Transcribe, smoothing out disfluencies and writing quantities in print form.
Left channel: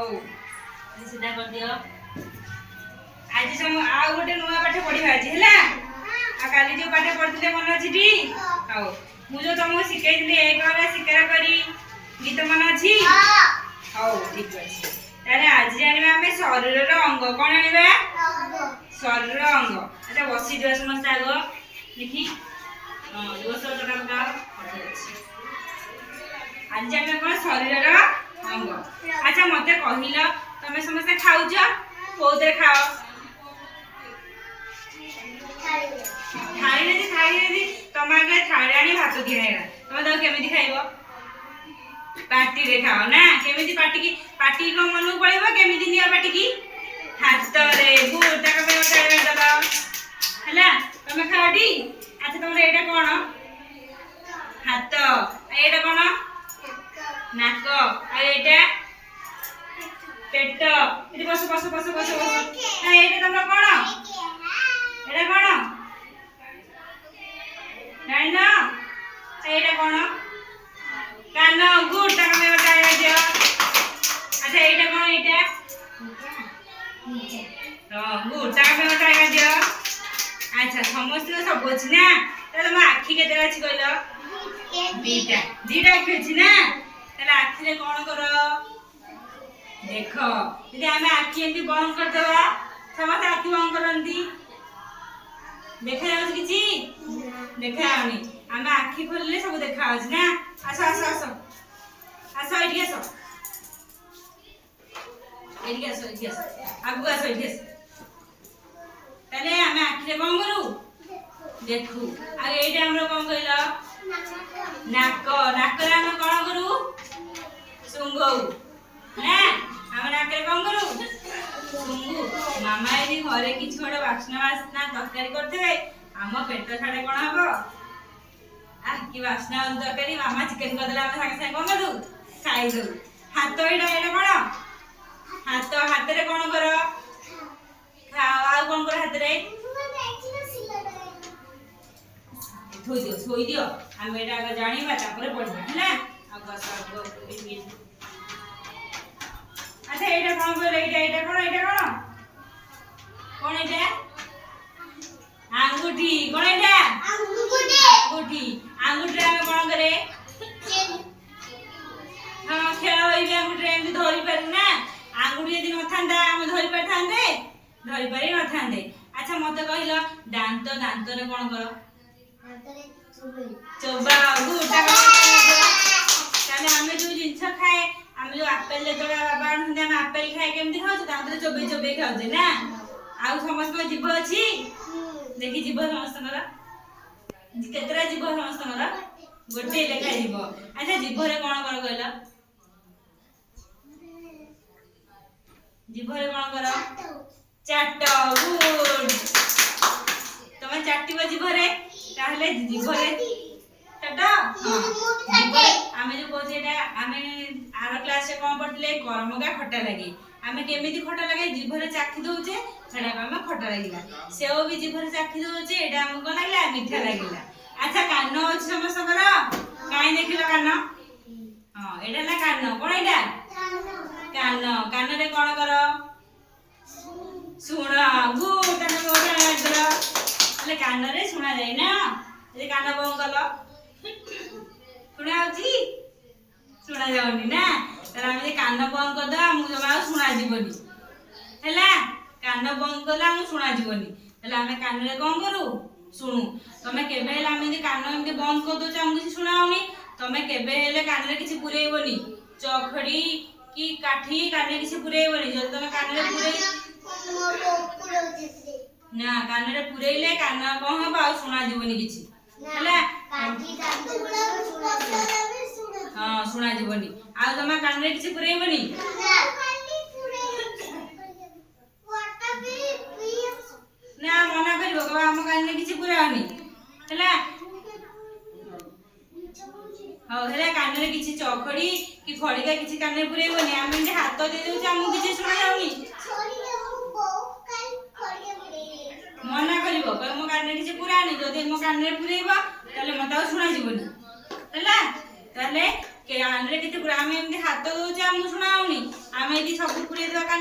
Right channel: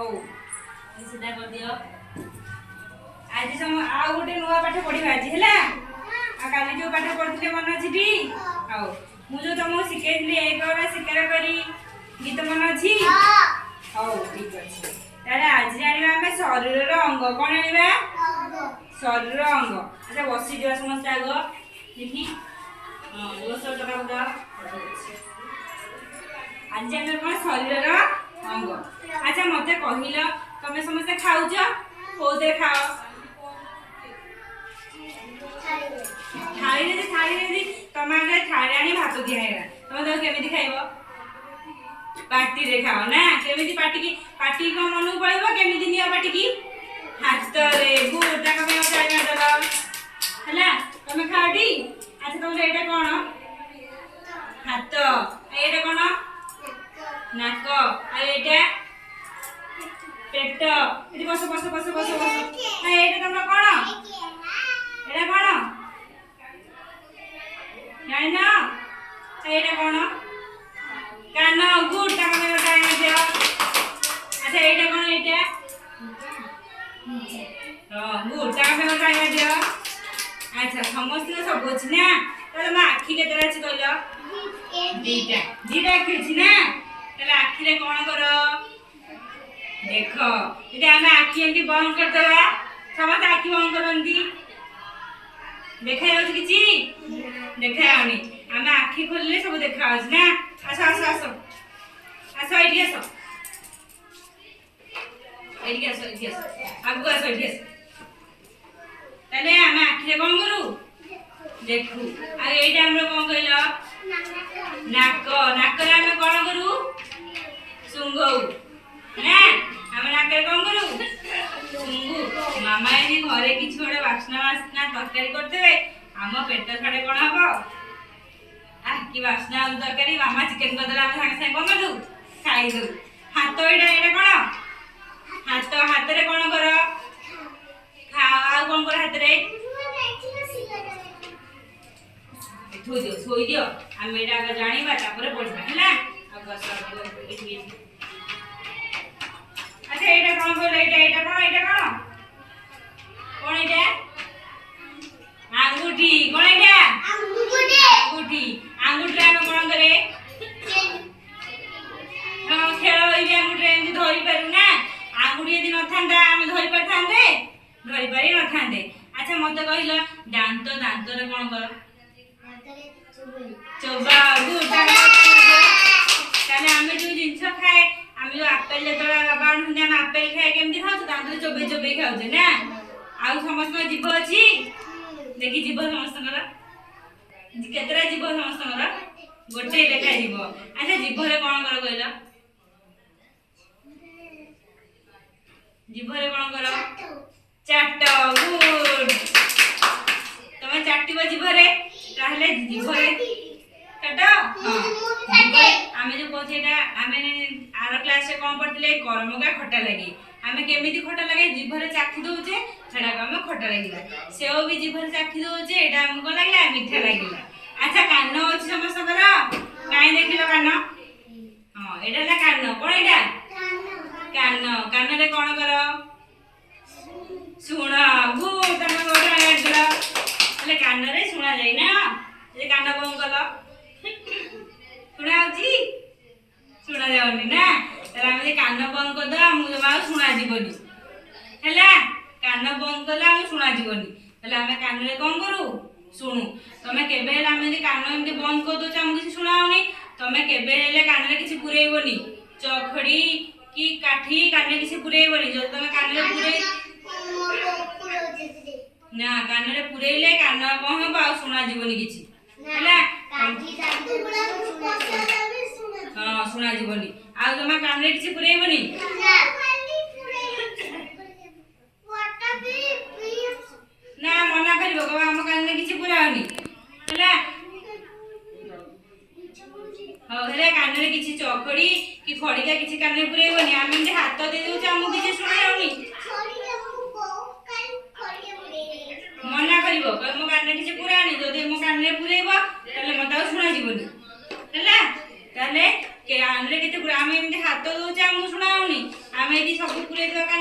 ହଉ ସିଧା କରିଦିଅ। ଆଜି ଆଉ ଗୋଟେ ନୂଆ ପାଠ ପଢିବା ଆଜି ହେଲା। ଆଉ କାଲି ଯୋଉ ପାଠ ପଢିଥିଲେ ମନେ ଅଛି ଟି? ହଉ ମୁଁ ଯୋଉ ତମକୁ ଶିଖେଇଥିଲି ଏକରେ ଶିକାର କରି ଗୀତ ମନେ ଅଛି? ହଉ ଠିକ ଅଛି। ତାହେଲେ ଆଜି ଜାଣିବା ଆମେ ଶରୀରର ଅଙ୍ଗ। କଣ ଜାଣିବା? ଶରୀରର ଅଙ୍ଗ। ଆଚ୍ଛା ବସିଯିବା ସମସ୍ତେ ଆଗ ଦେଖି। ଆଜି ଜାଣିବା କଣ ଶରୀରର ଅଙ୍ଗ। ଆଚ୍ଛା ମତେ କହିଲ ତମେ ସମସ୍ତେ ଖାଉଛ କୋଉଥିରେ ଖାଅ? ଥାଳିରେ ତମ ଆଗରେ ଥାଳି ଆଣି ଭାତ ଦିଆ ହେଇଗଲା ତମେ ତାକୁ କେମିତି ଖାଇବ? ପାଟିରେ ଖାଅ ନା। କେମିତି ପାଟିକି କଣ ମନକୁ ପଳେଇବ? କେମିତି ନିଅ ପାଟିକି? ହାତରେ। ଗୁଡ ତାଙ୍କ ପାଇଁ ହେଲା ତମେ ଖାଅଟି। ଆଚ୍ଛା ତମର ଏଇଟା କଣ? ହାତ। ଏଇଟା କଣ? ନାକ। ଆଉ ଏଇଟା ପେଟ। ଏଠି ବସ ବସ ବସ ବସ ବସ। ଏଇଟା ତମର କଣ? ଏଇଟା କଣ ଜାଣିନ? ଏଇଟା କଣ? କାନ। ଗୁଡ ତାଙ୍କ ପାଇଁ ଦିଅ। ଆଚ୍ଛା ଏଇଟା କଣ? ଏଇଟା ଗୁଡ ତାଙ୍କ ପାଇଁ ଦିଅ। ଆଚ୍ଛା ସମସ୍ତଙ୍କ ସବୁ ଅଛି ନା। ତାହେଲେ ତମ ଆଖି କେତେଟା ଅଛି କହିଲ? ଦିଟା ଆଖି ଅଛି ନା। ତାହେଲେ ଆଖିରେ କଣ କର? ଦେଖ। ଯଦି ଆମେ ଆଖି ଏମିତି ବନ୍ଦ କରିଦେବା ସମସ୍ତେ ଆଖି ବନ୍ଦ କରନ୍ତି। ଦେଖାଯାଉଛି କିଛି? ଦେଖାଯାଉନି। ଆମେ ଆଖି ଖୋଲିଲେ ସବୁ ଦେଖାଯାଉଛି ନା। ଆସ ଆସ ଆସ ଆସ ଏଇଠି ଆସ। ଏଇଠି ଆସ ଏଇଠି ଆସ। ଆଗକୁ ଆସ ଏଇଠି ଆସ। ତାହେଲେ ଆମେ ଆଖିରେ କଣ କରୁ? ଦେଖୁ। ଆଉ ଏଇଟା ଆମର କଣ କହିଲ? ନାକ। ନାକରେ ଆମେ କଣ କରୁ? ଶୁଙ୍ଘଉ ନା। ଆମେ ନାକରେ କଣ କରୁ? ଶୁଙ୍ଘୁ। ମାମା ଯଦି ଘରେ କିଛି ଗୋଟେ ବାସ୍ନା ତରକାରୀ କରିଦେବେ ଆମ ପେଟ ଛାଡେ କଣ ହବ? କି ବାସ୍ନା ତରକାରୀ। ମାମା ଚିକେନ କରିଦେଲେ ଆମେ ସାଙ୍ଗେ ସାଙ୍ଗେ କଣ କରିଦଉ? ଖାଇଦଉ। ହାତ। ଏଇଟା କଣ? ହାତ। ହାତରେ କଣ କର? ଖାଅ। ଆଉ କଣ କର ହାତରେ? ଥୋଇଦିଅ ଥୋଇଦିଅ। ଆମେ ଏଇଟା ଆଗ ଜାଣିବା ତାପରେ ପଢିବା ହେଲା। ଆଚ୍ଛା ଏଇଟା କଣ କହିଲ? ଏଇଟା କଣ? କଣ ଏଇଟା? ଆଙ୍ଗୁଠି। କଣ ଏଇଟା? ଆଙ୍ଗୁଠି। ଆଙ୍ଗୁଠିରେ ଆମେ କଣ କରେ? ହଁ ଖେଳ ହେଇଛି ଆଙ୍ଗୁଠିରେ। ଏମିତି ଧରି ପାରୁ ନା। ଆଙ୍ଗୁଠି ଯଦି ନଥାନ୍ତା ଆମେ ଧରି ପାରିଥାନ୍ତେ? ଧରି ପାରି ନଥାନ୍ତେ। ଆଚ୍ଛା ମତେ କହିଲ ଦାନ୍ତ। ଦାନ୍ତରେ କଣ କର? ଚୋବାଉ। ତାହେଲେ ଆମେ ଯୋଉ ଜିନିଷ ଖାଏ ଆମେ ଯୋଉ ଆପେଲ ଯେତେବେଳେ ବାବା ଆଣୁଛନ୍ତି ଆମେ ଆପେଲ ଖାଏ କେମିତି ଖାଉଛୁ? ଦାନ୍ତରେ ଚୋବେଇ ଚୋବେଇ ଖାଉଛେ ନା। ଆଉ ସମସ୍ତଙ୍କର ଜିଭ ଅଛି? ଦେଖି ଜିଭ ସମସ୍ତଙ୍କର କେତେଟା ଜିଭ? ସମସ୍ତଙ୍କର ଗୋଟେ ଲେଖା ଜିଭ। ଆଚ୍ଛା ଜିଭରେ କଣ କର କହିଲ? ଜିଭରେ କଣ କର? ଚାଟ। ଗୁଡ। ତମେ ଚାଟିବ ଜିଭରେ। ତାହେଲେ ଜିଭରେ ଚାଟ। ହଁ ଜିଭରେ ଆମେ ଯୋଉ କହୁଛେ ଏଟା ଆମେ ଆର କ୍ଲାସରେ କଣ ପଢିଥିଲେ? କରମଙ୍ଗା ଖଟା ଲାଗେ। ଆମେ କେମିତି ଖଟା ଲାଗେ? ଜିଭରେ ଚାଖି ଦଉଛେ ସେଟାକୁ ଆମେ ଖଟା ଲାଗିଲା। ସେଓ ବି ଜିଭରେ ଚାଖି ଦଉଛେ ଏଇଟା ଆମକୁ କଣ ଲାଗିଲା? ମିଠା ଲାଗିଲା। ଆଚ୍ଛା କାନ ଅଛି ସମସ୍ତଙ୍କର? କାହିଁ ଦେଖିଲ କାନ? ହଁ ଏଇଟା ହେଲା କାନ। କଣ ଏଇଟା? କାନ। କାନରେ କଣ କର? ଶୁଣ। ହେଲେ କାନରେ ଶୁଣା ଯାଏ ନା। ଯଦି କାନ ବନ୍ଦ କଲ ଶୁଣା ଯାଉଛି? ଶୁଣା ଯାଉନି ନା। ତାହେଲେ ଆମେ କାନ ବନ୍ଦ କରିଦବା ଆମକୁ ଜମା ଆଉ ଶୁଣା ଯିବନି ହେଲା। କାନ ବନ୍ଦ କଲେ ଆମକୁ ଶୁଣା ଯିବନି। ହେଲେ ଆମେ କାନରେ କଣ କରୁ? ଶୁଣୁ। ତମେ କେବେ ହେଲେ ଆମେ ଯଦି କାନ ଏମିତି ବନ୍ଦ କରିଦଉଛ ଆମକୁ କିଛି ଶୁଣା ହଉନି। ତମେ କେବେ ହେଲେ କାନରେ କିଛି ପୁରେଇବନି। ଚଖଡି କି କାଠି କାନରେ କିଛି ପୁରେଇବନି। ଯଦି ତମେ କାନରେ ନା କାନରେ ପୁରେଇଲେ କାନ କଣ ହବ? ଆଉ ଶୁଣା ଯିବନି କିଛି ହେଲା। ହଁ ଶୁଣା ଯିବନି। ଆଉ ତମେ କାନରେ କିଛି ପୁରେଇବନି। ନା ମନା କରିବ କହିବ ଆମ କାନରେ କିଛି ପୁରାଅନି ହେଲା। ହଉ ହେଲେ କାନରେ କିଛି ଚଖଡି କି ଖଡିକା କିଛି କାନରେ ପୁରେଇବନି। ଆମେ ଏମିତି ହାତ ଦେଇ ଦଉଛେ ଆମକୁ କିଛି ଶୁଣା ଯାଉନି। ମନା କରିବ କହିବ ମୋ କାନରେ କିଛି ପୁରାନି। ଯଦି ମୋ କାନରେ ପୁରେଇବ ତାହେଲେ ମତେ ଆଉ ଶୁଣା ଯିବନି ହେଲା। ତାହେଲେ କାନରେ କିଛି ଆମେ ଏମିତି ହାତ ଦଉଛେ ଆମକୁ ଶୁଣା ଯାଉନି। ଆମେ ଆମେ ଏଠି ସବୁ ପୁରେଇ ଦେବା